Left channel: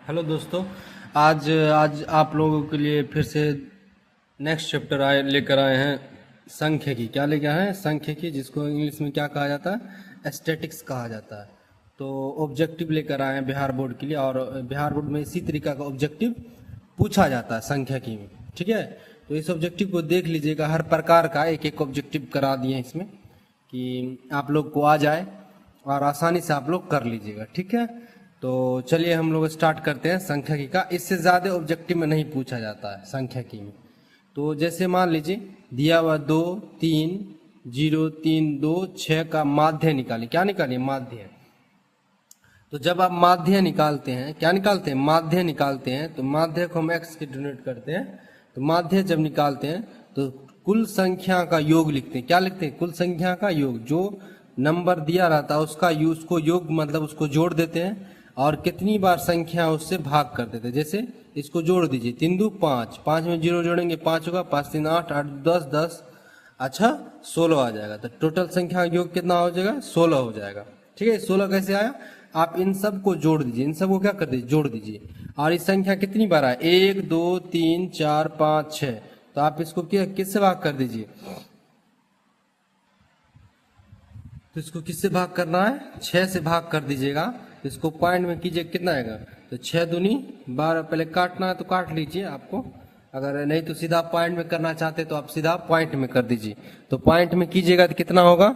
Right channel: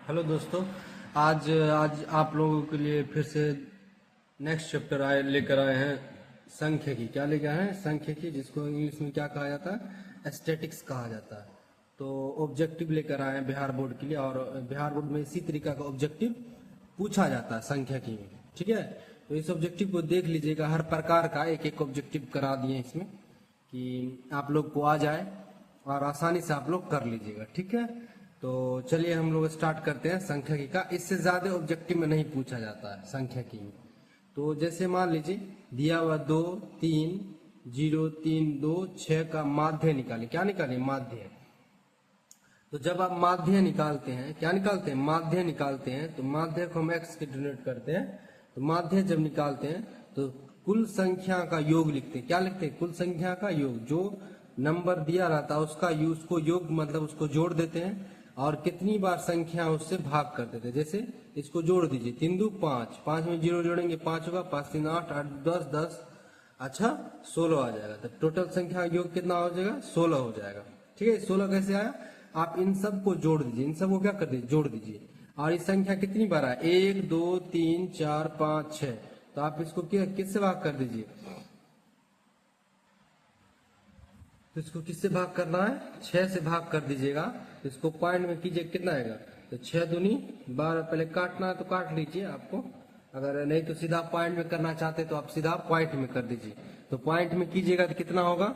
Hello दोस्तों। आज आज आप लोगों के लिए फिर से नेक्स्ट चैप्टर लेकर आए हैं सांख्यिकी। क्या लेकर आए हैं? सांख्यिकी, जिसको इंग्लिश में क्या कहा जाता है? एस्थेटिक्स कहा जाता है। तो ऑब्जेक्टिव लेकर आए हैं बिहार बोर्ड के लिए, और बिहार बोर्ड में इसी तरीका का ऑब्जेक्टिव पूछा जाता है सांख्यिकी में। ठीक है, तो इस ऑब्जेक्टिव को देख लीजिएगा। हर प्रकार का एक एक ऑब्जेक्टिव करा दिए हैं इसमें कि आप लोग को आ जाए और आसानी से आप लोग कर लीजिएगा। ठीक है, तो चलिए हम लोग स्टार्ट करते हैं सांख्यिकी का। इससे ज़्यादा ऑब्जेक्टिव में नहीं पूछा जाता है सांख्यिकी में। तो जैसे मान लीजिए दिया हुआ 2 3 0 3 2 6 का माध्य निकालिए। क्या निकालिए? माध्य। तो जब आप माध्य निकालते हैं, क्या निकालते हैं? माध्य निकालते हैं। तो माध्य को हम एक्स के डिनोट करते हैं। तो माध्य जब निकालते हैं तो कुल संख्या का योग लिखते हैं। क्या लिखते हैं? कुल संख्या का योग। जो नंबर दिया रहता है उसको योग मतलब उसको जोड़ देते हैं, और कितनी बार संख्या उससे भाग कर देते हैं। जैसे इसको जोड़ दीजिए, 3 2 5, 5 में 0 जोड़ेंगे 5 होगा, 5 3 8, 8 10 10, अच्छा 16 आ जाएगा। तो टोटल संख्या का योग कितना हो जाएगा? 16 हो जाएगा। ठीक है, 16 कैसे आया? आप इन सब को जोड़ दीजिए, इन सब को क्या कर दीजिए? जोड़ दीजिए। और इस संख्या कितनी बार आए? 1 2 3 4 5 6। तो आप इसको किससे भाग कर दीजिए? तो इसको किससे भाग करना है? 6 से भाग कर दीजिएगा। तो इसको पॉइंट में कीजिए, कितना आएगा? तो 6 दूनी 12। पहले काटना है तो काट लीजिए आपको, अगर नहीं तो सीधा पॉइंट में करना चाहते तो आप सीधा पॉइंट में कर दीजिए। तो पॉइंट में कीजिएगा तो कितना होगा?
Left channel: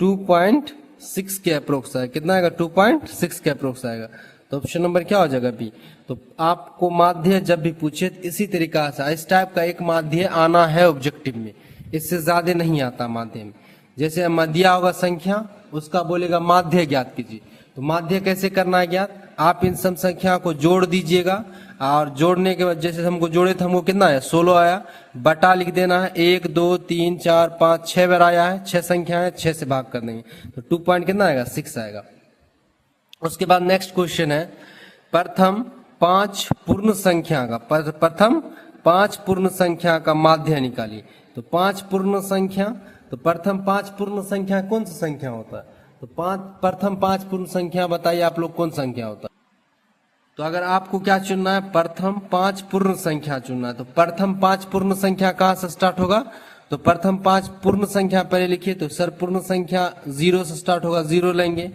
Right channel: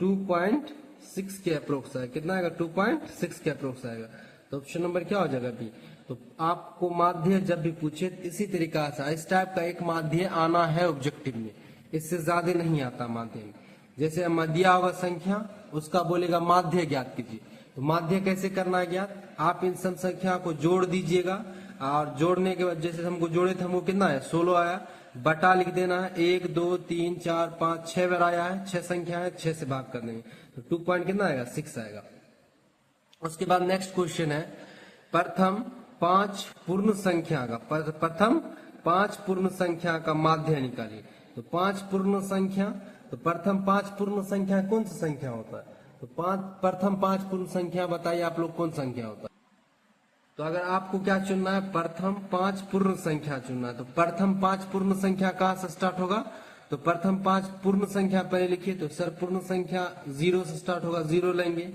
2.6 के अप्रोक्स आएगा। कितना आएगा? 2.6 के अप्रोक्स आएगा। तो ऑप्शन नंबर क्या हो जाएगा? बी। तो आपको माध्य जब भी पूछे इसी तरीका से इस टाइप का एक माध्य आना है ऑब्जेक्टिव में, इससे ज्यादा नहीं आता माध्य में। जैसे दिया होगा संख्या, उसका बोलेगा माध्य ज्ञात कीजिए। तो माध्य कैसे करना है ज्ञात? आप इन सब संख्या को जोड़ दीजिएगा, और जोड़ने के बाद जैसे हमको जोड़े थे, हमको कितना आया? 16 आया। बटा लिख देना है, 1 2 3 4 5 6 बार आया है। 6 संख्या है, 6 से भाग कर देंगे तो 2 पॉइंट कितना आएगा? 6 आएगा। उसके बाद नेक्स्ट क्वेश्चन है, प्रथम 5 पूर्ण संख्या का प्रथम 5 पूर्ण संख्या का माध्य निकालिए। तो 5 पूर्ण संख्या, तो प्रथम 5 पूर्ण संख्या कौन सा संख्या होता है? तो प्रथम 5 पूर्ण संख्या बताइए आप लोग कौन संख्या होता है? तो अगर आपको क्या चुनना है? प्रथम 5 पूर्ण संख्या चुनना है। तो प्रथम 5 पूर्ण संख्या कहाँ से स्टार्ट होगा? तो प्रथम 5 पूर्ण संख्या पहले लिखिए। तो सर पूर्ण संख्या 0 से स्टार्ट होगा। 0 लेंगे,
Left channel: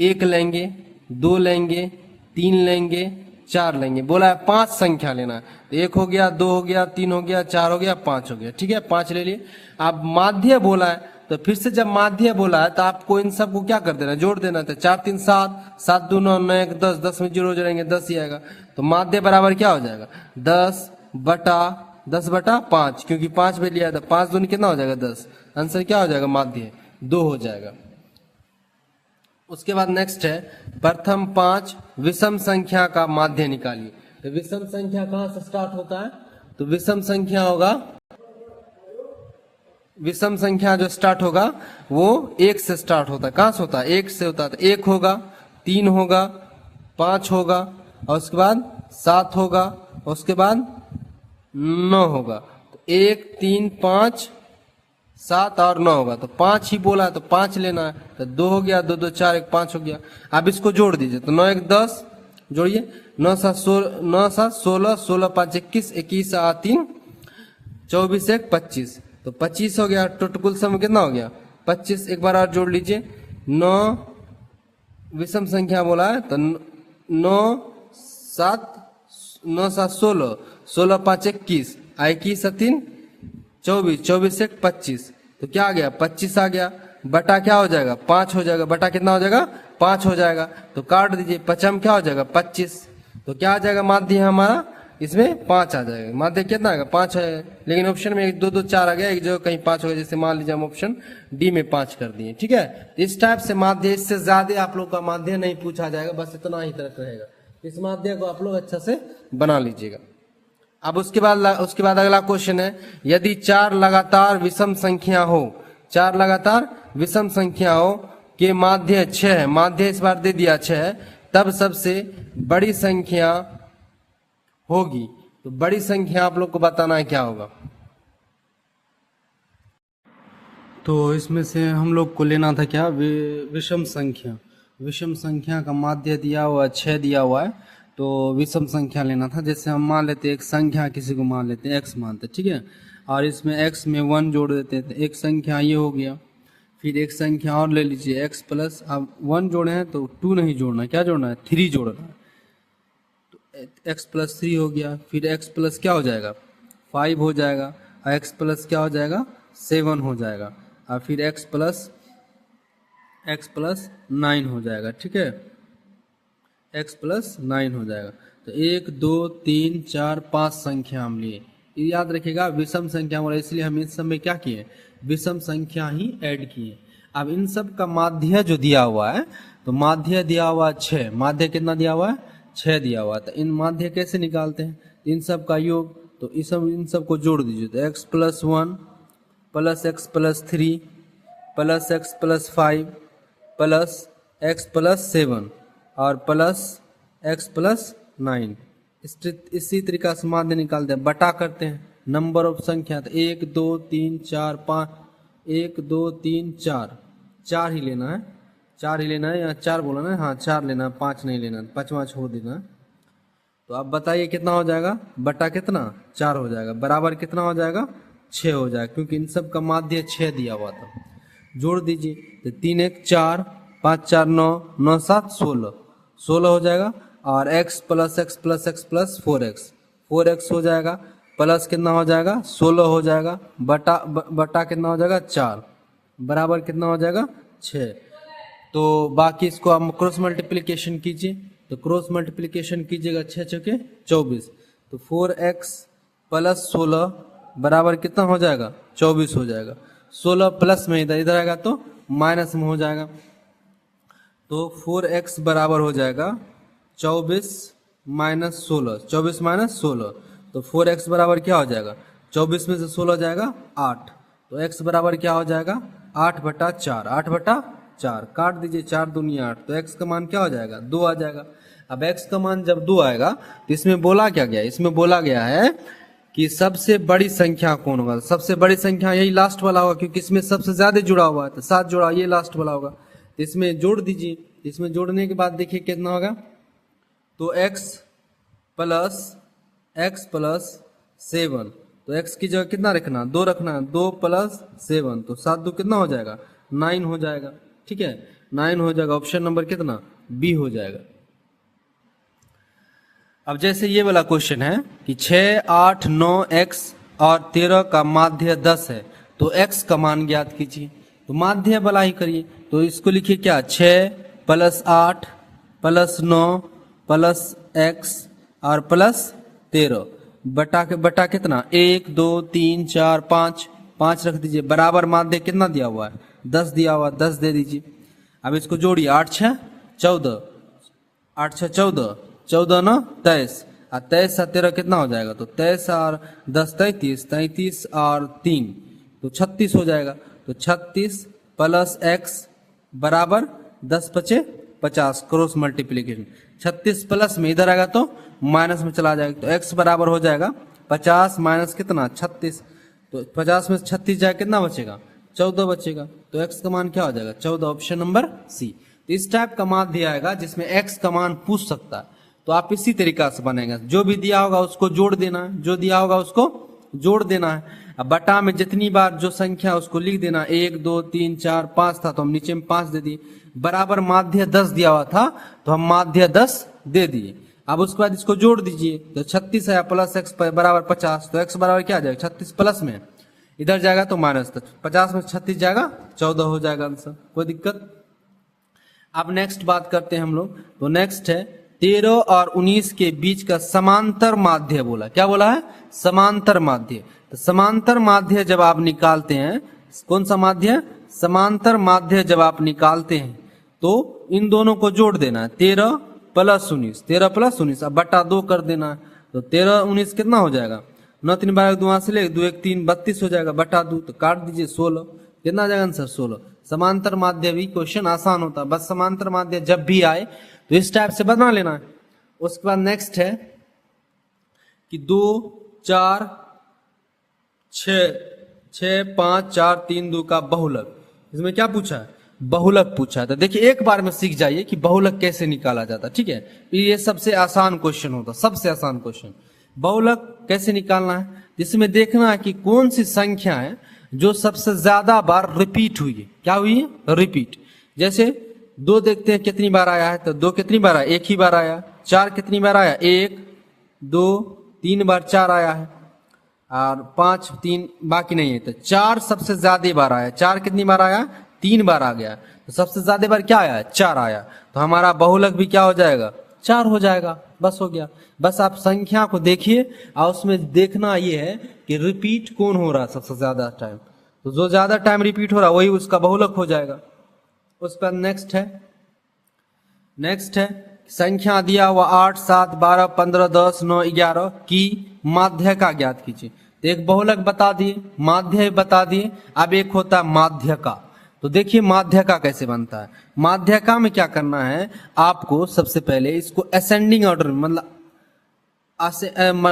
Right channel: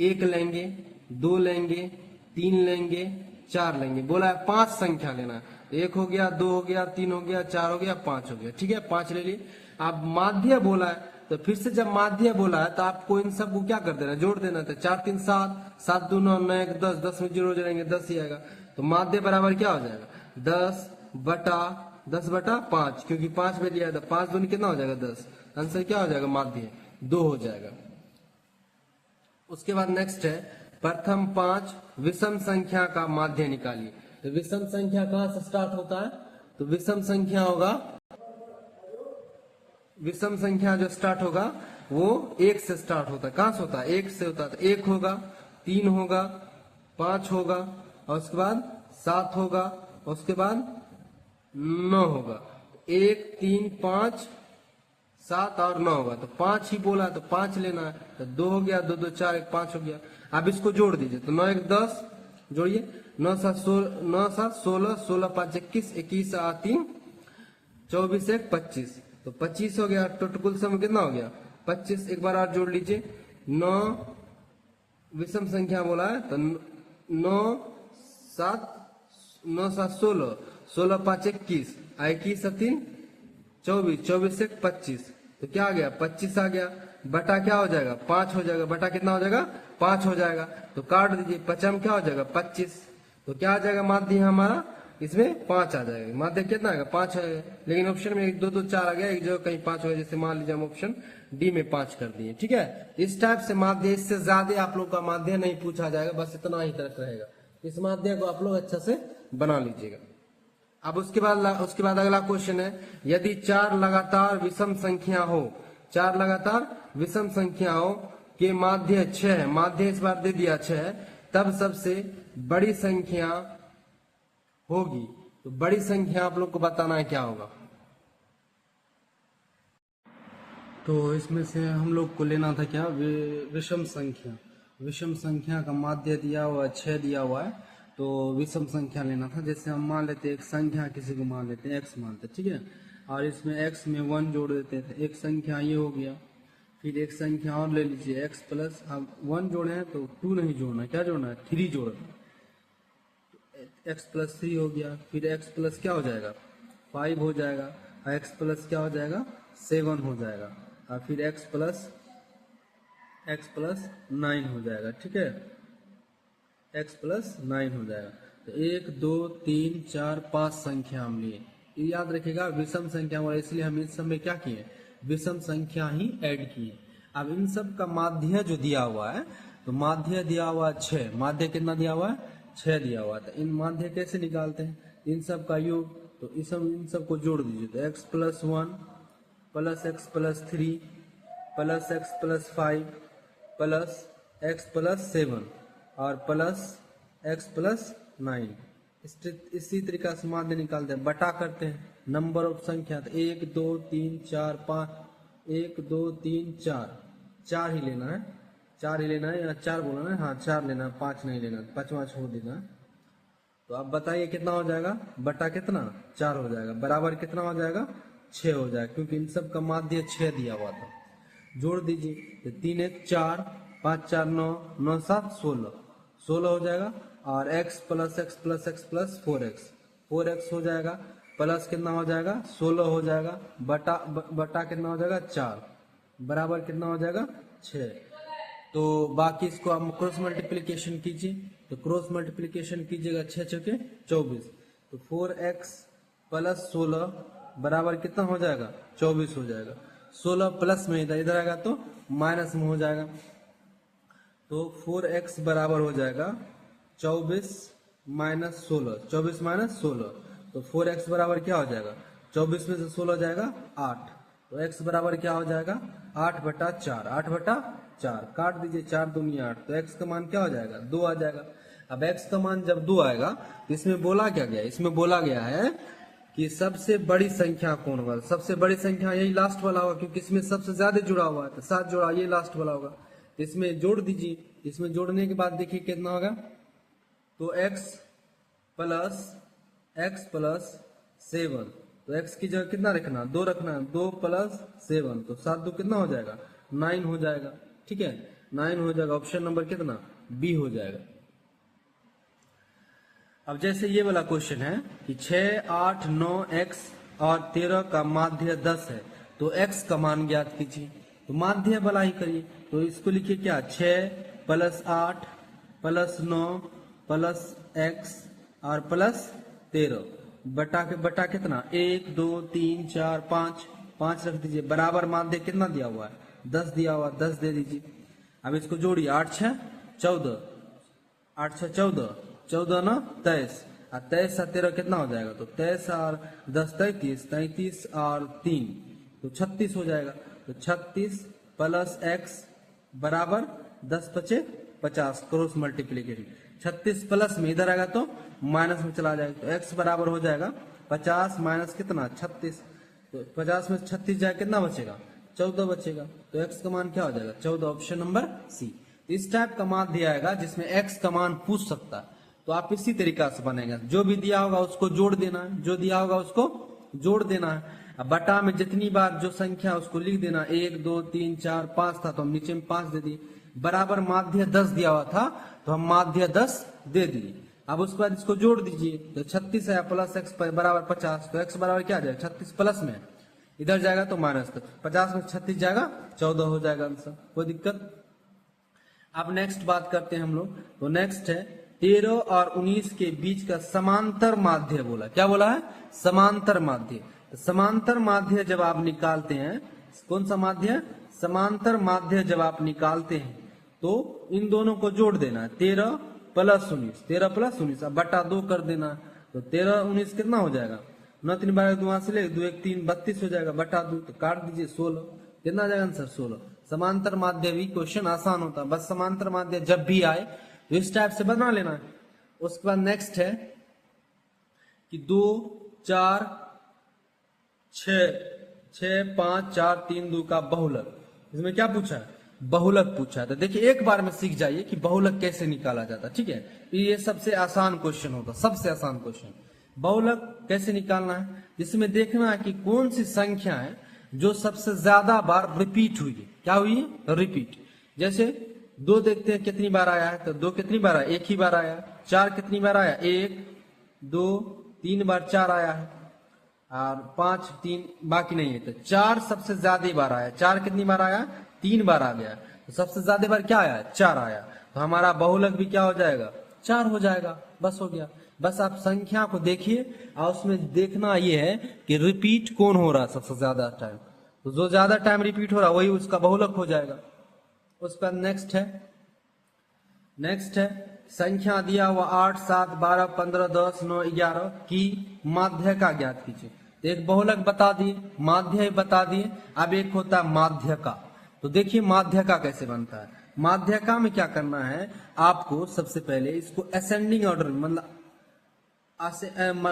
1 लेंगे, 2 लेंगे, 3 लेंगे, 4 लेंगे। बोला है 5 संख्या लेना है। तो 1 हो गया, 2 हो गया, 3 हो गया, 4 हो गया, 5 हो गया। ठीक है, 5 ले लिए। अब माध्य बोला है, तो फिर से जब माध्य बोला है तो आपको इन सब को क्या कर देना? जोड़ देना। तो 4 3 7, 7 2 9, 9 1 10, 10 में 0 जोड़ेंगे 10 ही आएगा। तो माध्य बराबर क्या हो जाएगा? 10/5, क्योंकि 5 में लिया था। 5 दूनी कितना हो जाएगा? 10। आंसर क्या हो जाएगा? माध्य 2 हो जाएगा। उसके बाद नेक्स्ट है, प्रथम 5 विषम संख्या का माध्य निकालिए। तो विषम संख्या कहां से स्टार्ट होता है? तो विषम संख्या होगा, विषम संख्या जो स्टार्ट होगा वो 1 से स्टार्ट होता है। कहां से होता है? 1 से होता है। तो 1 होगा, 3 होगा, 5 होगा, और उसके बाद 7 होगा, और उसके बाद 9 होगा। तो 1 3 5 7 और 9 होगा। तो 5 ही बोला है तो 5 लेना है। तो 2 हो गया, 2 2 4 1 5 हो गया। अब इसको जोड़ दीजिए। तो 9 1 10 जोड़िए, 9 7 16, 16 5 21, 21 8 3 24 1 25। तो 25 हो गया। टोटल कुल सम कितना हो गया? 25। एक बार और जोड़ लीजिए। 9 विषम संख्या बोला है तो 9 7 16, 16 5 21, 21 3 24, 24 1 25। तो क्या आ गया? 25 आ गया। बटा क्या हो जाएगा? 5 हो जाएगा। बटा कितना हो जाएगा? 5 हो जाएगा। तो काट दीजिए। पचम क्या हो जाएगा? 25। तो क्या आ जाएगा? माध्य हमारा इसमें 5 आ जाएगा। माध्य कितना आएगा? 5 है। लेकिन ऑप्शन में 1 2 2 4 आ गया, एक जगह कहीं 5 हो गया। जैसे मान लीजिए हम ऑप्शन डी में 5 कर दिए। ठीक है, इस टाइप से माध्य, इससे ज्यादा आप लोग का माध्य नहीं पूछा जाएगा, बस इतना ही तक रहेगा। इस माध्य को आप लोग अच्छा से बना लीजिएगा। अब उसके बाद अगला क्वेश्चन है, यदि 4 लगातार विषम संख्या हो, 4 लगातार विषम संख्या हो के माध्य 6 है, माध्य इस बार दे दिया 6 है, तब सबसे बड़ी संख्या होगी। तो बड़ी संख्या आप लोग को बताना है क्या होगा। तो इसमें से हम लोग को लेना था क्या? विषम संख्या। विषम संख्या का माध्य दिया हुआ है 6 दिया हुआ है। तो विषम संख्या लेना था। जैसे हम मान लेते एक संख्या किसी को मान लेते हैं x मानते, ठीक है, और इसमें x में 1 जोड़ देते हैं, तो एक संख्या ये हो गया। फिर एक संख्या और ले लीजिए x प्लस, अब 1 जोड़े हैं तो 2 नहीं जोड़ना, क्या जोड़ना है, 3 जोड़ना है, तो x प्लस 3 हो गया। फिर x प्लस क्या हो जाएगा, 5 हो जाएगा, और x प्लस क्या हो जाएगा, 7 हो जाएगा, और फिर x प्लस 9 हो जाएगा, ठीक है, x प्लस 9 हो जाएगा। तो 1 2 3 4 5 संख्या हम लिए, ये याद रखिएगा विषम संख्या बोला, इसलिए हम इस सब में क्या किए, विषम संख्या ही ऐड किए। अब इन सब का माध्य जो दिया हुआ है, तो माध्य दिया हुआ 6, माध्य कितना दिया हुआ है, 6 दिया हुआ है। तो इन माध्य कैसे निकालते हैं, इन सब का योग, तो इन सब को जोड़ दीजिए, तो x plus 1 plus x plus 3 plus x plus 5 plus x plus 7 और प्लस x प्लस 9। इसी तरीका से माध्य निकालते हैं, बटा करते हैं नंबर ऑफ संख्या, तो 1 2 3 4 5, 1 2 3 4, 4 ही लेना है, 4 ही लेना है, या 4 बोला ना, हाँ 4 लेना है, 5 नहीं लेना, 5वां छोड़ देना है। तो आप बताइए कितना हो जाएगा, बटा कितना, 4 हो जाएगा, बराबर कितना हो जाएगा, 6 हो जाएगा, क्योंकि इन सब का माध्य 6 दिया हुआ था। जोड़ दीजिए, तो 3 1 4, 5 4 9, 9 7 16, 16 हो जाएगा, और x plus x plus x plus 4x हो जाएगा, प्लस कितना हो जाएगा, 16 हो जाएगा, बटा कितना हो जाएगा, 4, बराबर कितना हो जाएगा, 6। तो बाकी इसको आप क्रॉस मल्टीप्लिकेशन कीजिए, तो क्रॉस मल्टीप्लिकेशन कीजिएगा, 6 छके 24, तो 4x प्लस 16 बराबर कितना हो जाएगा, 24 हो जाएगा। 16 प्लस में इधर आएगा तो माइनस में हो जाएगा, तो 4x बराबर हो जाएगा 24 माइनस 16, 24 माइनस 16, तो 4x बराबर क्या हो जाएगा, 24 में से 16 जाएगा 8, तो x बराबर क्या हो जाएगा, 8/4, 8/4 काट दीजिए, 4 दूनी 8, तो x का मान क्या हो जाएगा, 2 आ जाएगा। अब x का मान जब 2 आएगा तो इसमें बोला क्या गया, इसमें बोला गया है कि सबसे बड़ी संख्या कौन होगा, सबसे बड़ी संख्या यही लास्ट वाला होगा, क्योंकि इसमें सबसे ज्यादा जुड़ा हुआ है, तो 7 जोड़ा, ये लास्ट वाला होगा, तो इसमें जोड़ दीजिए। इसमें जोड़ने के बाद देखिए कितना होगा, तो x प्लस 7, तो x की जगह कितना रखना, 2 रखना है, 2 प्लस 7, तो 7 2 कितना हो जाएगा, 9 हो जाएगा, ठीक है, 9 हो जाएगा, ऑप्शन नंबर कितना, बी हो जाएगा। अब जैसे ये वाला क्वेश्चन है कि 6 8 9 x और 13 का माध्य 10 है, तो x का मान ज्ञात कीजिए, तो माध्य वाला ही करिए, तो इसको लिखिए क्या, 6 प्लस 8 प्लस 9 प्लस x और प्लस 13, बटा कितना, 1 2 3 4 5 रख दीजिए, बराबर माध्य कितना दिया हुआ है, 10 दिया हुआ, 10 दे दीजिए। अब इसको जोड़िए, 8 6 14, 8 6 14, 14 9 23, और 23 और 13 कितना हो जाएगा, तो 23 और 10 33, 33 और 3 तो 36 हो जाएगा, तो 36 प्लस x बराबर 10 5 50, क्रॉस मल्टीप्लीकेशन, 36 प्लस में इधर आएगा तो माइनस में चला जाएगा, तो x बराबर हो जाएगा 50 माइनस कितना 36, तो 50 में 36 जाएगा, कितना बचेगा, 14 बचेगा, तो x का मान क्या हो जाएगा, 14, ऑप्शन नंबर सी। इस टाइप का मान दिया आएगा जिसमें x का मान पूछ सकता है, तो आप इसी तरीका से बनेगा, जो भी दिया होगा उसको जोड़ देना है, जो दिया होगा उसको जोड़ देना है। अब बटा में जितनी बार जो संख्या उसको लिख देना, 1 2 3 4 5 था तो हम नीचे में 5 दे दिए, बराबर माध्य 10 दिया हुआ था तो हम माध्य 10 दे दिए। अब उसके बाद इसको जोड़ दीजिए, तो 36 है प्लस x बराबर 50, तो x बराबर क्या आ जाएगा, 36 प्लस में इधर जाएगा तो माइनस, 50 में 36 जाएगा 14 हो जाएगा आंसर, कोई दिक्कत। अब नेक्स्ट बात करते हैं हम लोग, तो नेक्स्ट है 13 और 19 के बीच का समांतर माध्य बोला, क्या बोला है, समांतर माध्य। तो समांतर माध्य जब आप निकालते हैं, कौन सा माध्य, समांतर माध्य जब आप निकालते हैं तो इन दोनों को जोड़ देना है, 13 प्लस 19, 13 प्लस 19, अब बटा 2 कर देना है, तो 13 19 कितना हो जाएगा, 9 3 12 2 से ले 2 1 3 32 हो जाएगा, बटा 2 तो काट दीजिए 16, कितना आ जाएगा आंसर 16। समांतर माध्य भी क्वेश्चन आसान होता है, बस समांतर माध्य जब भी आए तो इस टाइप से बना लेना है। उसके बाद नेक्स्ट है कि 2 4 6 5 4 3 2 का बहुलक, इसमें क्या पूछा है, बहुलक पूछा है। तो देखिए एक बार में सीख जाइए कि बहुलक कैसे निकाला जाता है, ठीक है। ये सबसे आसान क्वेश्चन होता, सबसे आसान क्वेश्चन। बहुलक कैसे निकालना है, जिसमें देखना है कि कौन सी संख्या है जो सबसे ज्यादा बार रिपीट हुई है। क्या हुई है? रिपीट। जैसे 2 देखते हैं कितनी बार आया है, तो 2 कितनी बार आया? एक ही बार आया। 4 कितनी बार आया? 1 2 3 बार 4 आया है, और 5 3 बाकी नहीं है। तो 4 सबसे ज्यादा बार आया। 4 कितनी बार आया? 3 बार आ गया। तो सबसे ज्यादा बार क्या आया? 4 आया। तो हमारा बहुलक भी क्या हो जाएगा? 4 हो जाएगा। बस हो गया। बस आप संख्या को देखिए और उसमें देखना ये है कि रिपीट कौन हो रहा है सबसे ज्यादा टाइम। तो जो ज्यादा टाइम रिपीट हो रहा है वही उसका बहुलक हो जाएगा। उसके बाद नेक्स्ट है संख्या दिया हुआ 8 7 12 15 10 9 11 की माध्य का ज्ञात कीजिए। तो एक बहुलक बता दिए, माध्य बता दिए। अब एक होता है माध्य का। तो देखिए माध्य का कैसे बनता है। माध्य का में क्या करना है, आपको सबसे पहले इसको असेंडिंग ऑर्डर में, मतलब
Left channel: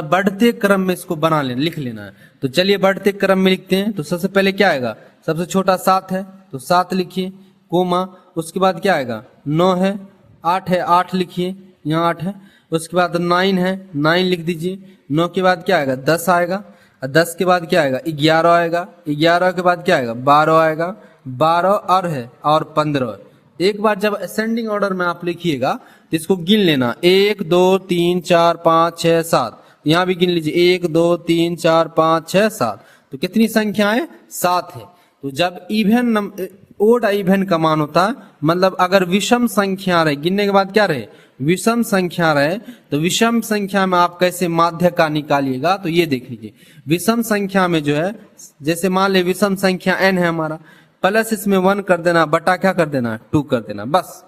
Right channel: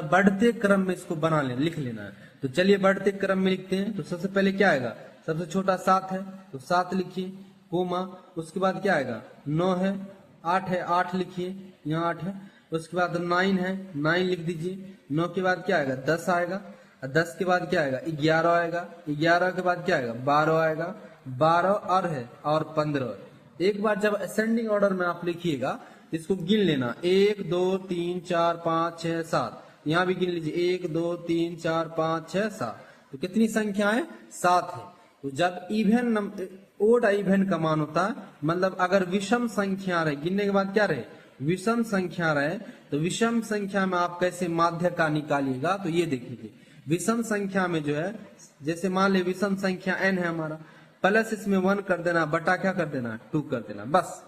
बढ़ते क्रम में इसको बना लेना, लिख लेना है। तो चलिए बढ़ते क्रम में लिखते हैं। तो सबसे पहले क्या आएगा? सबसे छोटा 7 है तो 7 लिखिए, कोमा। उसके बाद क्या आएगा? 9 है। 8 है, 8 लिखिए, यहाँ 8 है। उसके बाद 9 है, 9 लिख दीजिए। 9 के बाद क्या आएगा? 10 आएगा। और 10 के बाद क्या आएगा? 11 आएगा। 11 के बाद क्या आएगा? 12 आएगा। 12 और है और 15। एक बार जब असेंडिंग ऑर्डर में आप लिखिएगा तो इसको गिन लेना, 1 2 3 4 5 6 7। यहाँ भी गिन लीजिए, 1 2 3 4 5 6 7। तो कितनी संख्या है? 7 है। तो जब इवन ओड इवन का मान होता है, मतलब अगर विषम संख्या रहे, गिनने के बाद क्या रहे? विषम संख्या रहे। तो विषम संख्या में आप कैसे माध्य का निकालिएगा, तो ये देख लीजिए। विषम संख्या में जो है, जैसे मान ले विषम संख्या n है हमारा, प्लस इसमें 1 कर देना, बटा क्या कर देना? 2 कर देना। बस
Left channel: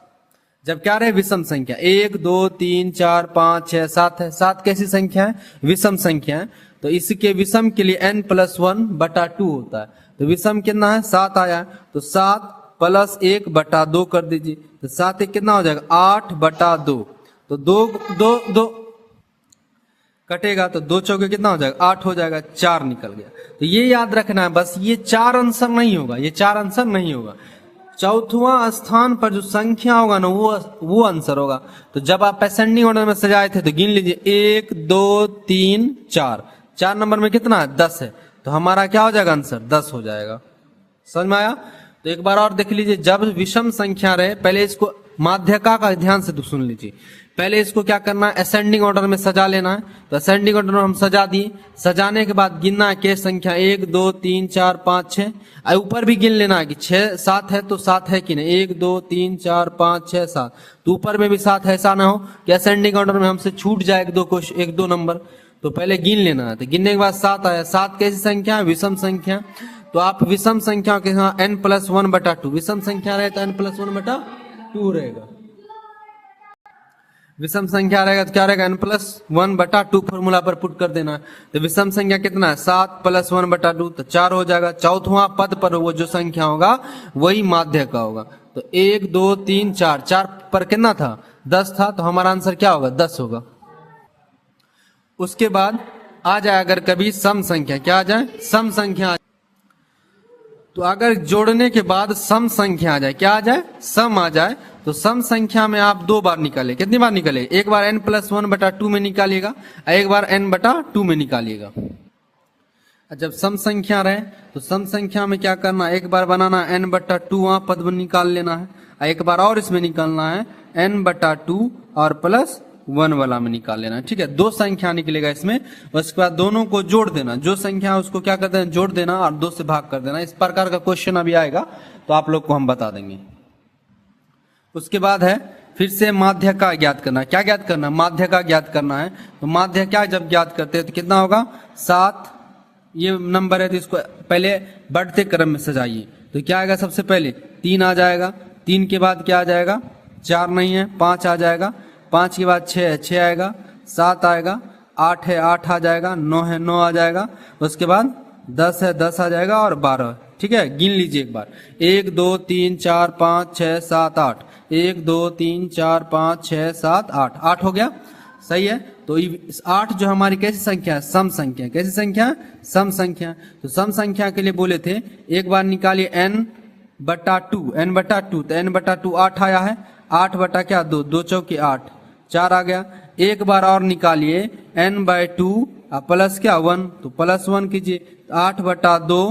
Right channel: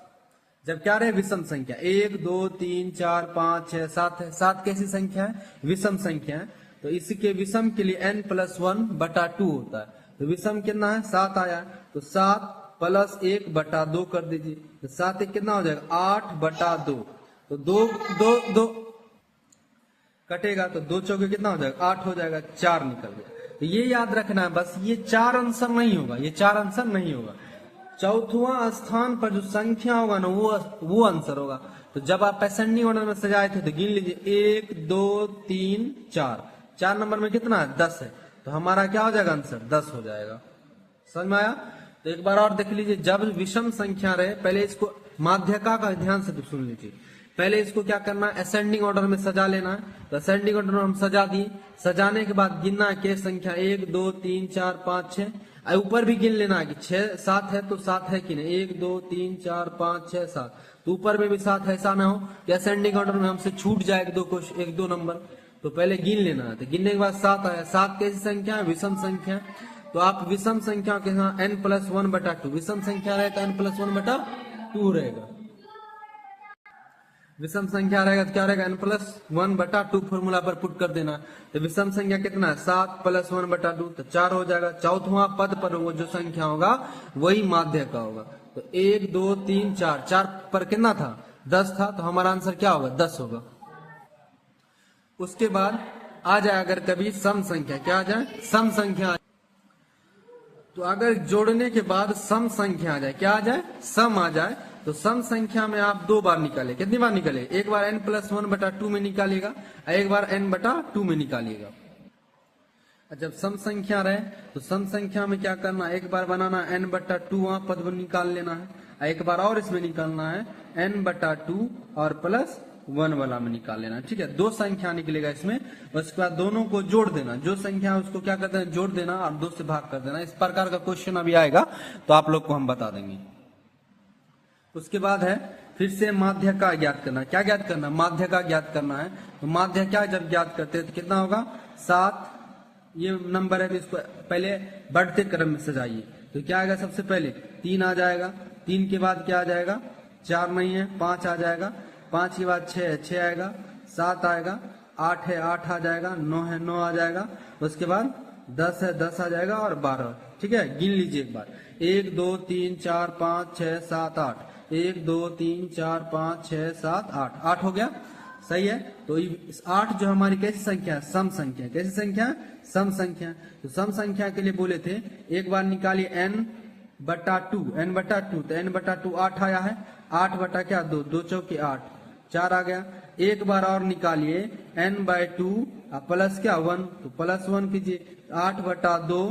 जब क्या रहे? विषम संख्या 1 2 3 4 5 6 7 है। 7 कैसी संख्या है? विषम संख्या है। तो इसके विषम के लिए n + 1 बटा 2 होता है। तो विषम कितना है? 7 आया। तो 7 + 1 बटा 2 कर दीजिए। तो 7 एक कितना हो जाएगा? 8 बटा 2। तो 2 2 2 कटेगा तो 2 चौके कितना हो जाएगा? 8 हो जाएगा। 4 निकल गया। तो ये याद रखना है बस, ये 4 आंसर नहीं होगा, ये 4 आंसर नहीं होगा। चौथवा स्थान पर जो संख्या होगा ना वो आंसर होगा। तो जब आप असेंडिंग ऑर्डर में सजाए थे तो गिन लीजिए, 1 2 3 4। 4 नंबर में कितना है? 10 है। तो हमारा क्या हो जाएगा? आंसर 10 हो जाएगा। समझ में आया? तो एक बार और देख लीजिए, जब विषम संख्या रहे, पहले इसको माध्यका का ध्यान से तो सुन लीजिए। पहले इसको क्या करना है? असेंडिंग ऑर्डर में सजा लेना है। तो असेंडिंग ऑर्डर में हम सजा दिए। सजाने के बाद गिनना है के संख्या 1 2 3 4 5 6। ऊपर भी गिन लेना है कि 6 7 है तो 7 है कि नहीं, 1 2 3 4 5 6 7। तो ऊपर में भी 7 है, ऐसा ना हो कि असेंडिंग ऑर्डर में हमसे छूट जाए एक दो नंबर। तो पहले गिन लेना है। तो गिनने के बाद 7 आया। 7 कैसी संख्या है? विषम संख्या। तो आप विषम संख्या के यहाँ n + 1 बटा 2, विषम संख्या रहे तो n + 1 बटा 2 रहेगा। विषम संख्या रहेगा तो क्या रहेगा? n + 1 बटा 2 फॉर्मूला पर पुट कर देना है। तो विषम संख्या कितना है? 7 + 1 बटा 2, तो 4 हो जाएगा। चौथवा पद पर वो जो संख्या होगा वही माध्य का होगा। तो 1 2 3 4, 4 पर कितना था? 10 था। तो हमारा आंसर क्या होगा? 10 होगा। उसके बाद आ जाए अगर कभी सम संख्या, क्या आ जाए? सम संख्या। तो अगर जोड़ने के बाद सम संख्या आ जाए, क्या आ जाए? सम आ जाए। तो सम संख्या में आप 2 बार निकाले। कितनी बार निकाले? एक बार n + 1 बटा 2 में निकालिएगा, एक बार n बटा 2 में निकालिएगा। जब सम संख्या रहे तो सम संख्या में क्या करना? एक बार बनाना n बटा 2 वहां पद में निकाल लेना है, एक बार और इसमें निकालना है n बटा 2 और +1 वाला में निकाल लेना है। ठीक है, 2 संख्या निकलेगा इसमें। उसके बाद दोनों को जोड़ देना, जो संख्या है उसको क्या करते हैं? जोड़ देना और 2 से भाग कर देना। इस प्रकार का क्वेश्चन अभी आएगा तो आप लोग को हम बता देंगे। उसके बाद है फिर से माध्य का ज्ञात करना। क्या ज्ञात करना? माध्य का ज्ञात करना है। तो माध्य क्या जब ज्ञात करते हैं तो कितना होगा? 7 ये नंबर है तो इसको पहले बढ़ते क्रम में सजाइए। तो क्या आएगा? सबसे पहले 3 आ जाएगा। 3 के बाद क्या आ जाएगा? 4 नहीं है, 5 आ जाएगा। 5 के बाद 6 है, 6 आएगा। 7 आएगा। 8 है, 8 आ जाएगा। 9 है, 9 आ जाएगा। उसके बाद 10 है, 10 आ जाएगा और 12। ठीक है, गिन लीजिए एक बार, 1 2 3 4 5 6 7 8। 1 2 3 4 5 6 7 8, 8 हो गया। सही है। तो 8 जो हमारी कैसी संख्या है? सम संख्या। कैसी संख्या? सम संख्या। तो सम संख्या के लिए बोले थे एक बार निकालिए n बटा टू, n बटा टू, तो n बटा टू 8 आया है, 8 बटा क्या 2, 2 चौके 8, 4 आ गया। एक बार और निकालिए n बाय टू प्लस क्या 1, तो प्लस 1 कीजिए, 8 बटा 2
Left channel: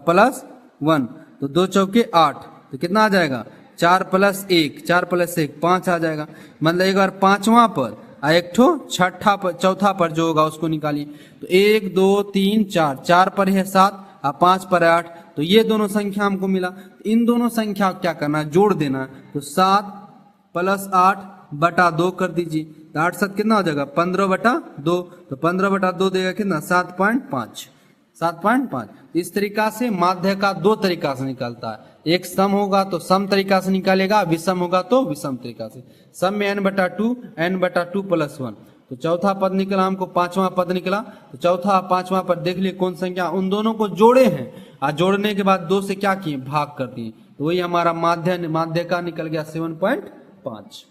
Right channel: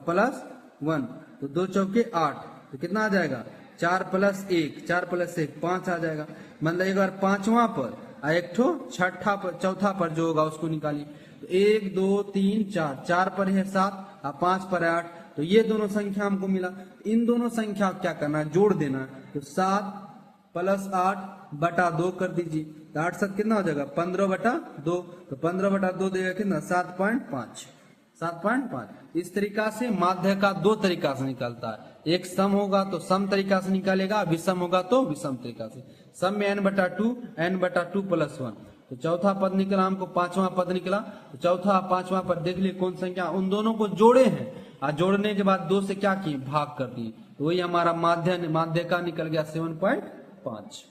प्लस 1, तो 2 चौके 8, तो कितना आ जाएगा 4 प्लस 1, 4 प्लस 1 5 आ जाएगा। मतलब एक बार पांचवा पर एक ठो छठा पर चौथा पर जो होगा उसको निकालिए, तो 1 2 3 4, 4 पर है 7 और 5 पर है 8, तो ये दोनों संख्या हमको मिला। इन दोनों संख्या को क्या करना है, जोड़ देना है, तो 7 प्लस 8 बटा 2 कर दीजिए, तो 8 7 कितना हो जाएगा 15 बटा 2, तो 15 बटा 2 देगा कितना 7.5, 7.5। इस तरीका से माध्य का दो तरीका से निकलता है, एक सम होगा तो सम तरीका से निकालेगा, विषम होगा तो विषम तरीका से। सम में n बटा टू प्लस 1, तो चौथा पद निकला हमको, पांचवा पद निकला, तो चौथा पांचवा पद देख लिए कौन संख्या, उन दोनों को जोड़े हैं और जोड़ने के बाद 2 से क्या किए भाग कर दिए, तो वही हमारा माध्य का निकल गया 7.5।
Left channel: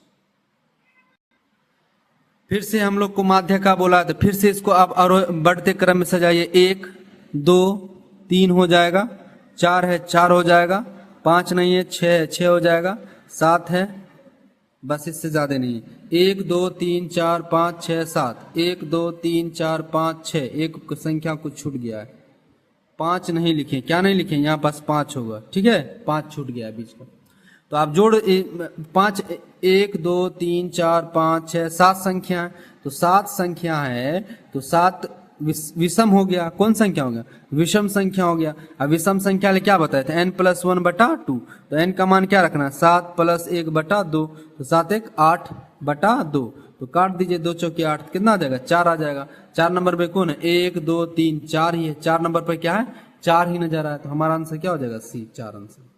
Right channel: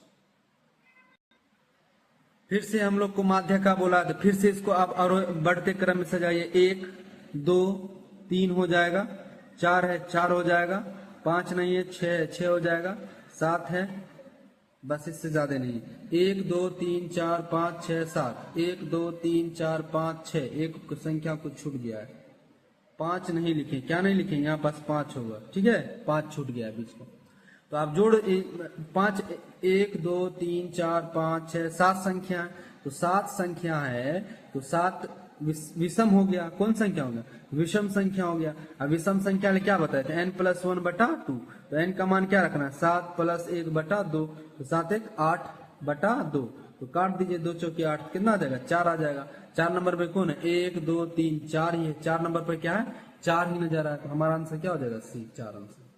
फिर से हम लोग को माध्य का बोला, तो फिर से इसको आप और बढ़ते क्रम में सजाइए, 1 2 3 हो जाएगा, 4 है 4 हो जाएगा, 5 नहीं है 6 है 6 हो जाएगा, 7 है, बस इससे ज्यादा नहीं है, 1 2 3 4 5 6 7, 1 2 3 4 5 6, एक संख्या कुछ छूट गया है, 5 नहीं लिखे, क्या नहीं लिखे, यहाँ पास 5 होगा, ठीक है 5 छूट गया है बीच में, तो आप जोड़ 5 1 2 3 4 5 6 7 संख्या है, तो 7 संख्या है, तो 7 विषम हो गया, कौन संख्या हो गया विषम संख्या हो गया। अब विषम संख्या क्या बताए थे, n प्लस 1 बटा 2, तो n का मान क्या रखना है 7 प्लस 1 बटा 2, तो 7 1 8 बटा 2, तो काट दीजिए 2 चौके 8, कितना आ जाएगा 4 आ जाएगा। 4 नंबर पे कौन है 1 2 3 4 ही है, 4 नंबर पे क्या है 4 ही नजर आया, तो हमारा आंसर क्या हो जाएगा सी, 4 आंसर।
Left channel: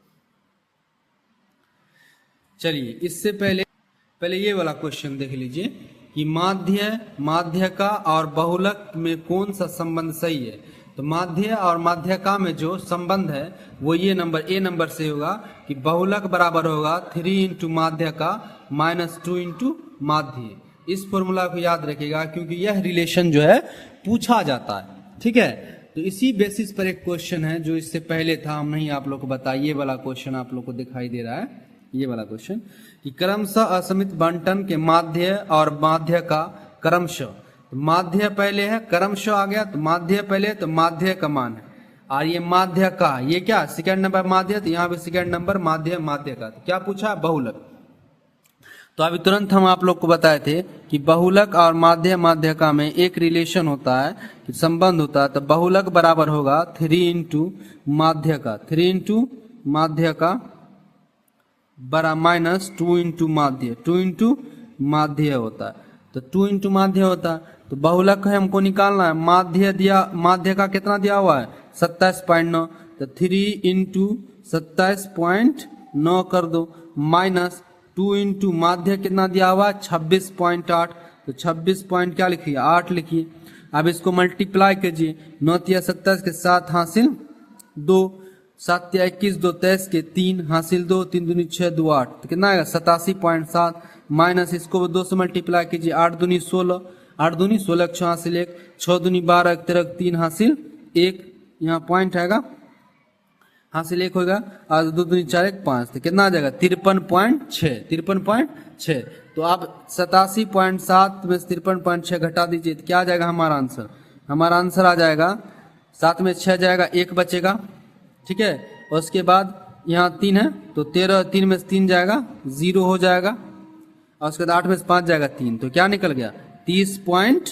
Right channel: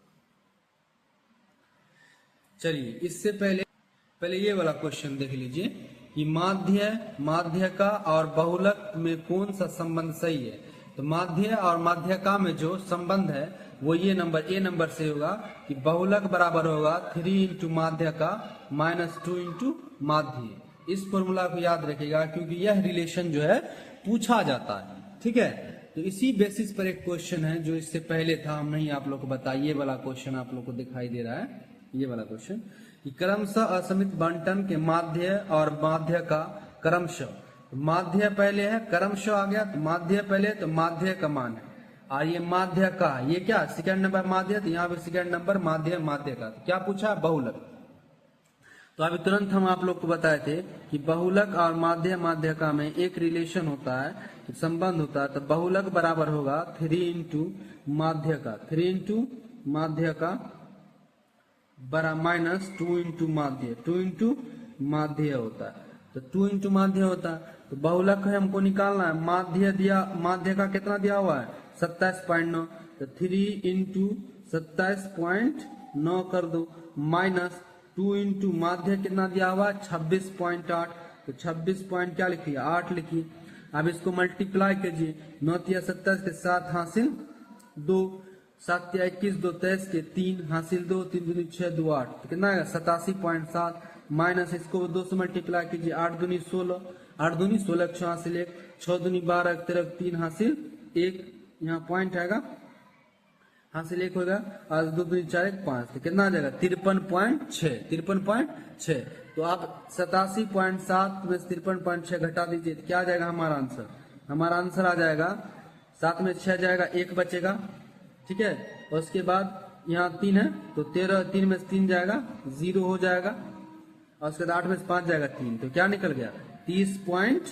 चलिए इससे पहले ये वाला क्वेश्चन देख लीजिए कि माध्य का और बहुलक में कौन सा संबंध सही है। तो माध्य और माध्यका में जो संबंध है वो ये ए नंबर से होगा कि बहुलक बराबर होगा 3 इंटू माध्यका माइनस 2 इंटू माध्य। इस फॉर्मूला को याद रखिएगा क्योंकि यह रिलेशन जो है पूछा जाता है, ठीक है। तो इसी बेसिस पर एक क्वेश्चन है जो इससे पहले था, हम नहीं आप लोग को बताया, ये वाला क्वेश्चन आप लोग को दिखाई दे रहा है, ये वाला क्वेश्चन कि क्रमशः असमित बंटन के माध्य और माध्य का क्रमशः, तो माध्य पहले है क्रमशः आ गया, तो माध्य पहले तो माध्य का मान है, और ये माध्य का ये क्या सेकंड नंबर माध्य, तो यहाँ पे सेकंड नंबर माध्य का, तो क्या पूछा बहुलक। तो अभी तुरंत हम आप लोग को बताए थे कि बहुलक और माध्य का में एक रिलेशन होता है, संबंध होता है, तो बहुलक बराबर होगा 3 इंटू माध्य का, 3 इंटू माध्य का बड़ा माइनस 2 इंटू माध्य, 2 इंटू माध्य होता है, तो 2 इंटू माध्य होता है। तो बहुलक है हमको निकालना है, माध्य का कितना दिया हुआ है 27.9, तो 3 इंटू 27.9 कर दो, माइनस 2 इंटू माध्य कितना दिया हुआ है 26.8, तो 26 पॉइंट क्या लिखिए 8 लिखिए। अब इसको मल्टीप्लाई कीजिए, 9 या 27 के 7 हासिल 2, 7 या 21 2 23 के 3 हासिल 2, 3 दूनी 6 2 8, तो कितना आएगा 87.7, माइनस इसको 2 से मल्टीप्लाई कीजिए, 8 दूनी 16, 8 दूनी 16 6 हासिल 1, 6 दूनी 12 13 3 हासिल 1, यहाँ पॉइंट आएगा हासिल 1 होगा, और 2 दूनी 4 1 5, तो कितना आ जाएगा 53.6, 53.6। तो आप 87.7 में 53.6 घटा दीजिए, तो क्या आ जाएगा हमारा आंसर, हमारा आंसर आ जाएगा 7 में 6 जाएगा 1 बचेगा, ठीक है। और उसके बाद यहाँ 3 है, तो 13 3 में से 3 जाएगा 0 हो जाएगा, और उसके बाद 8 में से 5 जाएगा 3, तो क्या निकल गया 30.1,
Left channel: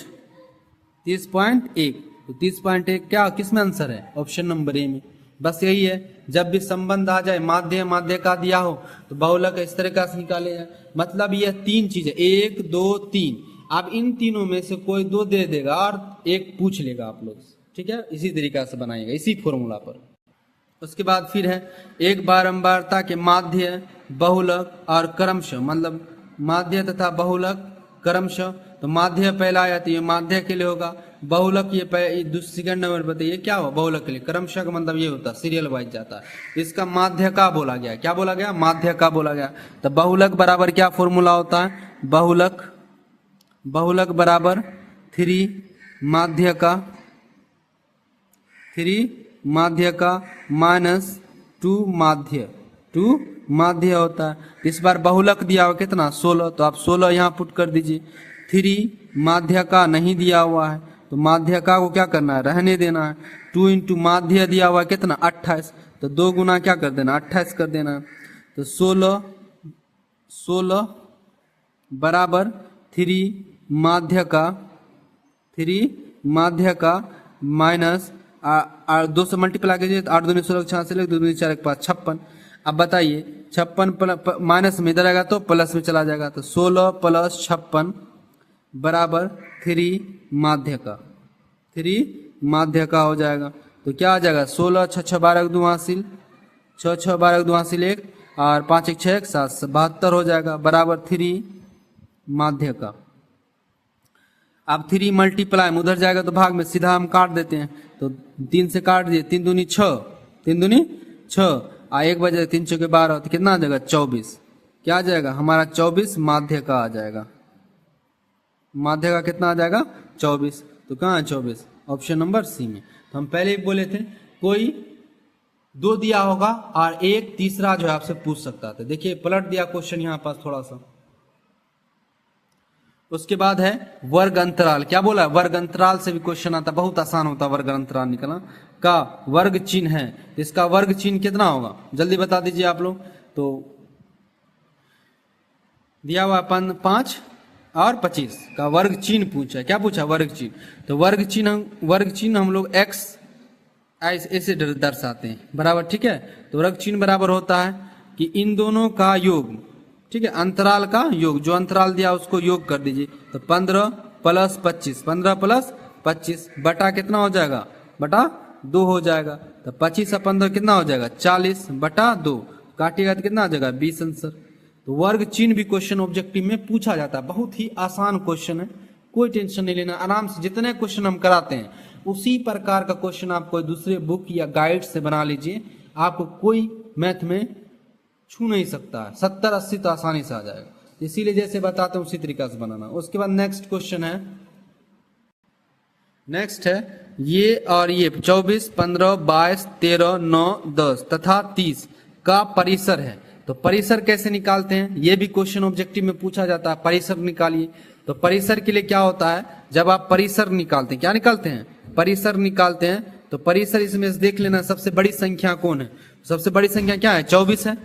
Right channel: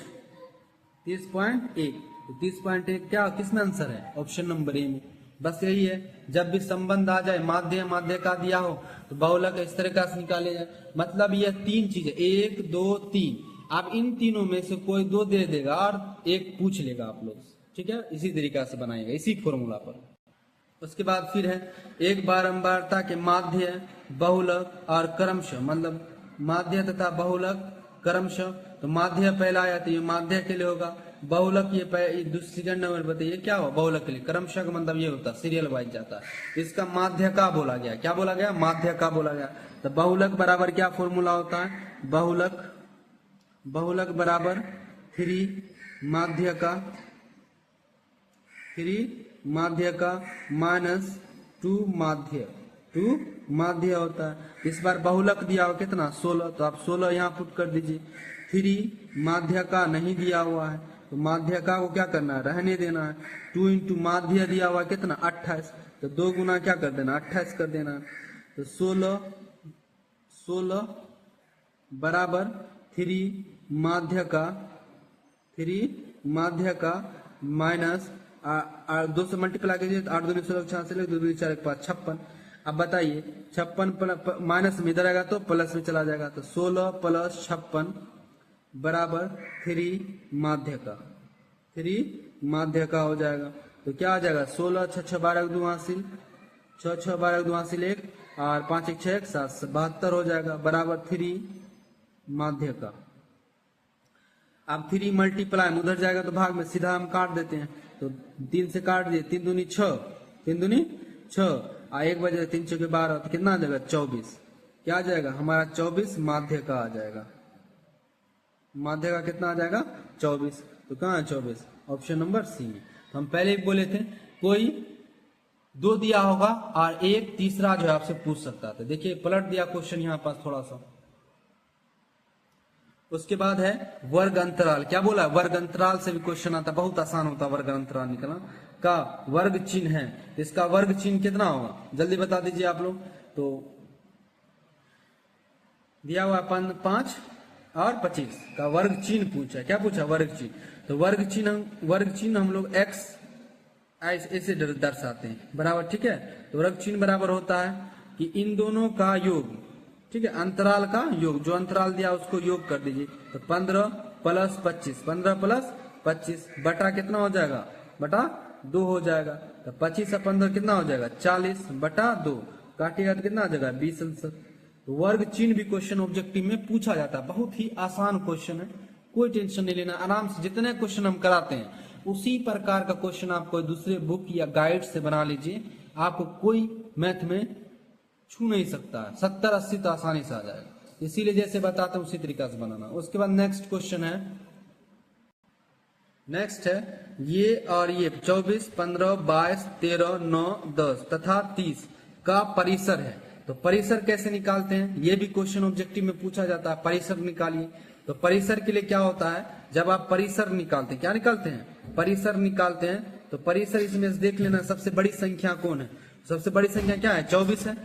तो 30.1 क्या किस में आंसर है ऑप्शन नंबर ए में। बस यही है, जब भी संबंध आ जाए माध्य का दिया हो तो बहुलक इस तरीका से निकाले जाए। मतलब ये 3 चीजें 1 2 3, आप इन तीनों में से कोई 2 दे देगा और एक पूछ लेगा आप लोग, ठीक है। इसी तरीका से बनाएगा इसी फॉर्मूला पर। उसके बाद फिर है एक बारंबारता के माध्य बहुलक और क्रमशः, मतलब माध्य तथा बहुलक क्रमशः, तो माध्य पहला आया तो ये माध्य के लिए होगा, बहुलक ये दूसरे सेकंड नंबर पर, ये क्या हुआ बहुलक के लिए, क्रमशः का मतलब ये होता है सीरियल वाइज जाता है, इसका माध्य का बोला गया, क्या बोला गया माध्य का बोला गया। तो बहुलक बराबर क्या फॉर्मूला होता है, बहुलक बराबर 3 माध्य का माइनस 2 माध्य, 2 माध्य होता है। इस बार बहुलक दिया हुआ कितना 16, तो आप 16 यहाँ पुट कर दीजिए। 3 माध्य का नहीं दिया हुआ है, तो माध्य का को क्या करना है, रहने देना है। 2 इंटू माध्य दिया हुआ है कितना 28, तो 2 गुना क्या कर देना 28 कर देना है। तो 16 बराबर 3 माध्य का माइनस 2 से मल्टीप्लाई कीजिए तो 8 दूनी 16 66 2 दूनी 4 5 56। अब बताइए 56 माइनस में इधर आएगा तो प्लस में चला जाएगा, तो 16 प्लस 56 बराबर 3 माध्य का हो जाएगा। तो क्या आ जाएगा 16 6 6 12 2 हासिल 6 6 12 2 हासिल 1 और 5 1 6 1 7 72 हो जाएगा बराबर 3 माध्य का। अब 3 मल्टीप्लाई में उधर जाएगा तो भाग में सीधा हम काट देते हैं, तो 3 से काट दिए 3 दूनी 6 3 दूनी 6 और 1 बजे 3 चौके 12, तो कितना आ जाएगा 24। क्या आ जाएगा हमारा 24 माध्य का आ जाएगा। माध्य का कितना आ जाएगा 24, तो कहाँ है 24, ऑप्शन नंबर सी में। तो हम पहले ही बोले थे कोई 2 दिया होगा और एक तीसरा जो है आपसे पूछ सकता था। देखिए पलट दिया क्वेश्चन यहाँ पास थोड़ा सा। उसके बाद है वर्ग अंतराल। क्या बोला, वर्ग अंतराल से भी क्वेश्चन आता, बहुत आसान होता वर्ग अंतराल निकालना का। वर्ग चिन्ह है, इसका वर्ग चिन्ह कितना होगा जल्दी बता दीजिए आप लोग। तो दिया हुआ 5 और 25 का वर्ग चिन्ह पूछा। क्या पूछा, वर्ग चिन्ह। तो वर्ग चिन्ह हम लोग x ऐसे दर्शाते हैं बराबर, ठीक है। तो वर्ग चिन्ह बराबर होता है कि इन दोनों का योग, ठीक है, अंतराल का योग, जो अंतराल दिया उसको योग कर दीजिए। तो 15 प्लस 25 15 प्लस 25 बटा कितना हो जाएगा, बटा 2 हो जाएगा। तो 25 और 15 कितना हो जाएगा 40 बटा 2, काटिएगा तो कितना आ जाएगा 20 आंसर। तो वर्ग चिन्ह भी क्वेश्चन ऑब्जेक्टिव में पूछा जाता है, बहुत ही आसान क्वेश्चन है, कोई टेंशन नहीं लेना, आराम से जितने क्वेश्चन हम कराते हैं उसी प्रकार का क्वेश्चन आप कोई दूसरे बुक या गाइड से बना लीजिए, आपको कोई मैथ में छू नहीं सकता है। 70-80 तो आसानी से आ जाएगा, इसीलिए जैसे बताते हैं उसी तरीका से बनाना। उसके बाद नेक्स्ट क्वेश्चन है, नेक्स्ट है ये और ये 24 15 22 13 9 10 तथा 30 का परिसर है। तो परिसर कैसे निकालते हैं, ये भी क्वेश्चन ऑब्जेक्टिव में पूछा जाता है। परिसर निकालिए। तो परिसर के लिए क्या होता है, जब आप परिसर निकालते हैं, क्या निकालते हैं, परिसर निकालते हैं। तो परिसर इसमें से देख लेना सबसे बड़ी संख्या कौन है। सबसे बड़ी संख्या क्या है 24 है।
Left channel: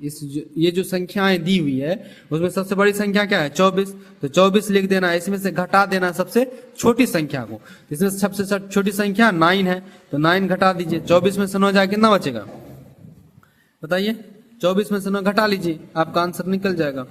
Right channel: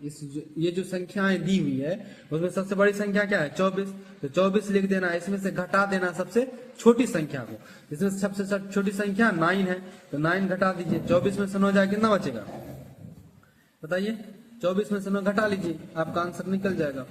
ये जो संख्याएं दी हुई है उसमें सबसे बड़ी संख्या क्या है 24। तो 24 लिख देना, इसमें से घटा देना सबसे छोटी संख्या को। इसमें सबसे छोटी संख्या 9 है, तो 9 घटा दीजिए। 24 में से 9 जाए कितना बचेगा बताइए, 24 में से 9 घटा लीजिए, आपका आंसर निकल जाएगा।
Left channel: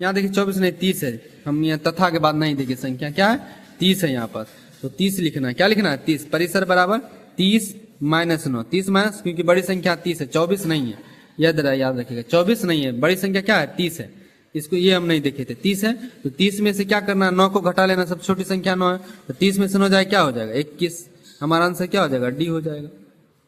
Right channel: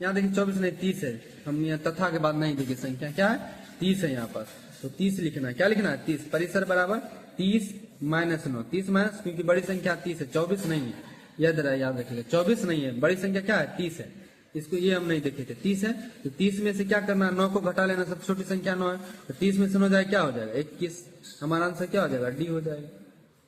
यहाँ देखिए 24 नहीं 30 है, हम यहाँ तथा के बाद नहीं देखिए संख्या क्या है 30 है यहाँ पर। तो 30 लिखना है, क्या लिखना है 30। परिसर बराबर 30 माइनस 9, 30 माइनस, क्योंकि बड़ी संख्या 30 है 24 नहीं है, याद रखिएगा 24 नहीं है, बड़ी संख्या क्या है 30 है। इसको ये हम नहीं देखे थे 30 है। तो 30 में से क्या करना है 9 को घटा लेना, सबसे छोटी संख्या 9 है। तो 30 में से 9 जाए क्या हो जाएगा 21, हमारा आंसर क्या हो जाएगा डी हो जाएगा,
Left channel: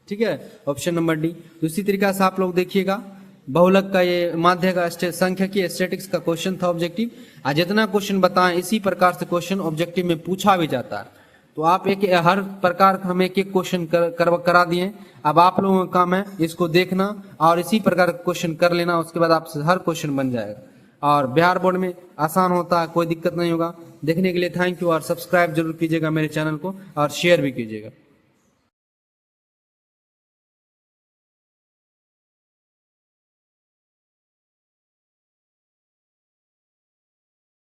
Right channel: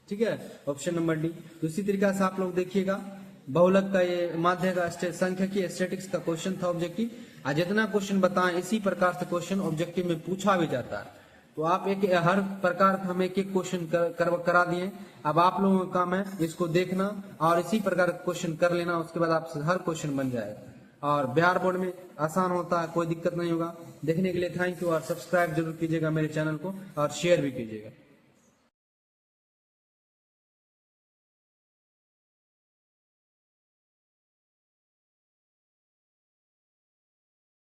ठीक है, ऑप्शन नंबर डी। तो इसी तरीका से आप लोग देखिएगा बहुलक का ये माध्य का सांख्यिकी स्टैटिक्स का क्वेश्चन था ऑब्जेक्टिव। आज जितना क्वेश्चन बताएं इसी प्रकार से क्वेश्चन ऑब्जेक्टिव में पूछा भी जाता है। तो आप हर प्रकार का हम एक क्वेश्चन करा दिए। अब आप लोगों का काम है इसको देखना और इसी प्रकार का क्वेश्चन कर लेना, उसके बाद आपसे हर क्वेश्चन बन जाएगा। और बिहार बोर्ड में आसान होता है, कोई दिक्कत नहीं होगा। देखने के लिए थैंक यू और सब्सक्राइब जरूर कीजिएगा मेरे चैनल को और शेयर भी कीजिएगा।